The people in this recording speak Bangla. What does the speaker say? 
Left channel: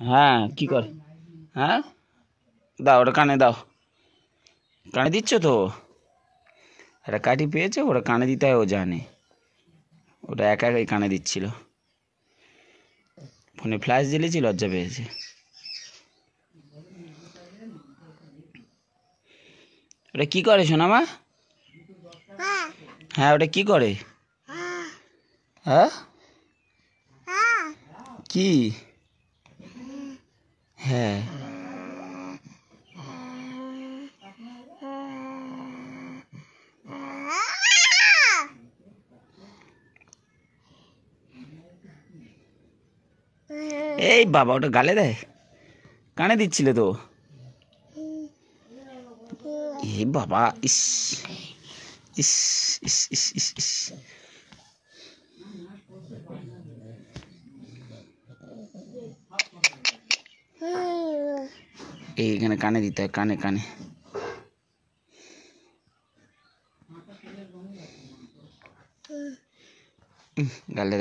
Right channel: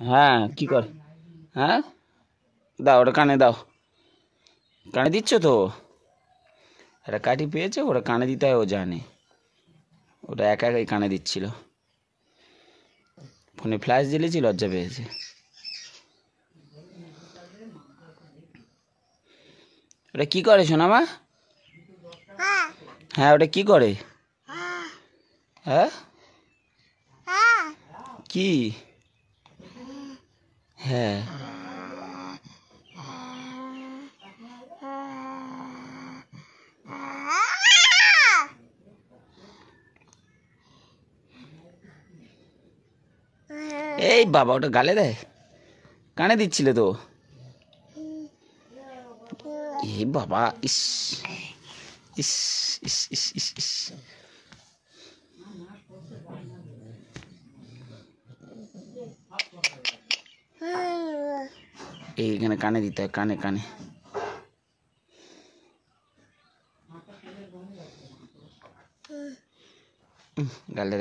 হ্যাঁ কি করে? হ্যাঁ দাও, ওটা কানে দাও। কানে দিচ্ছ তো? একটা কাঠি পেয়েছে, ওটা কানে দিতে হয়, ও জানে। ওটা একা একাই কানে দিচ্ছিল, ফোনে ফ্ল্যাশ জ্বেলেছি, লজ্জা পেয়েছে। ওটা কি করে সোনামা? হ্যাঁ ওটা কি করে? হ্যাঁ কি? হ্যাঁ এই বাবা, ওটা গালে দেয়, কানে দিচ্ছিলে তো। এই বাবা, ইস ইস ইস ইস ইস ইস। এইখানে কানে দিতে হয়, কানে কানে। গালে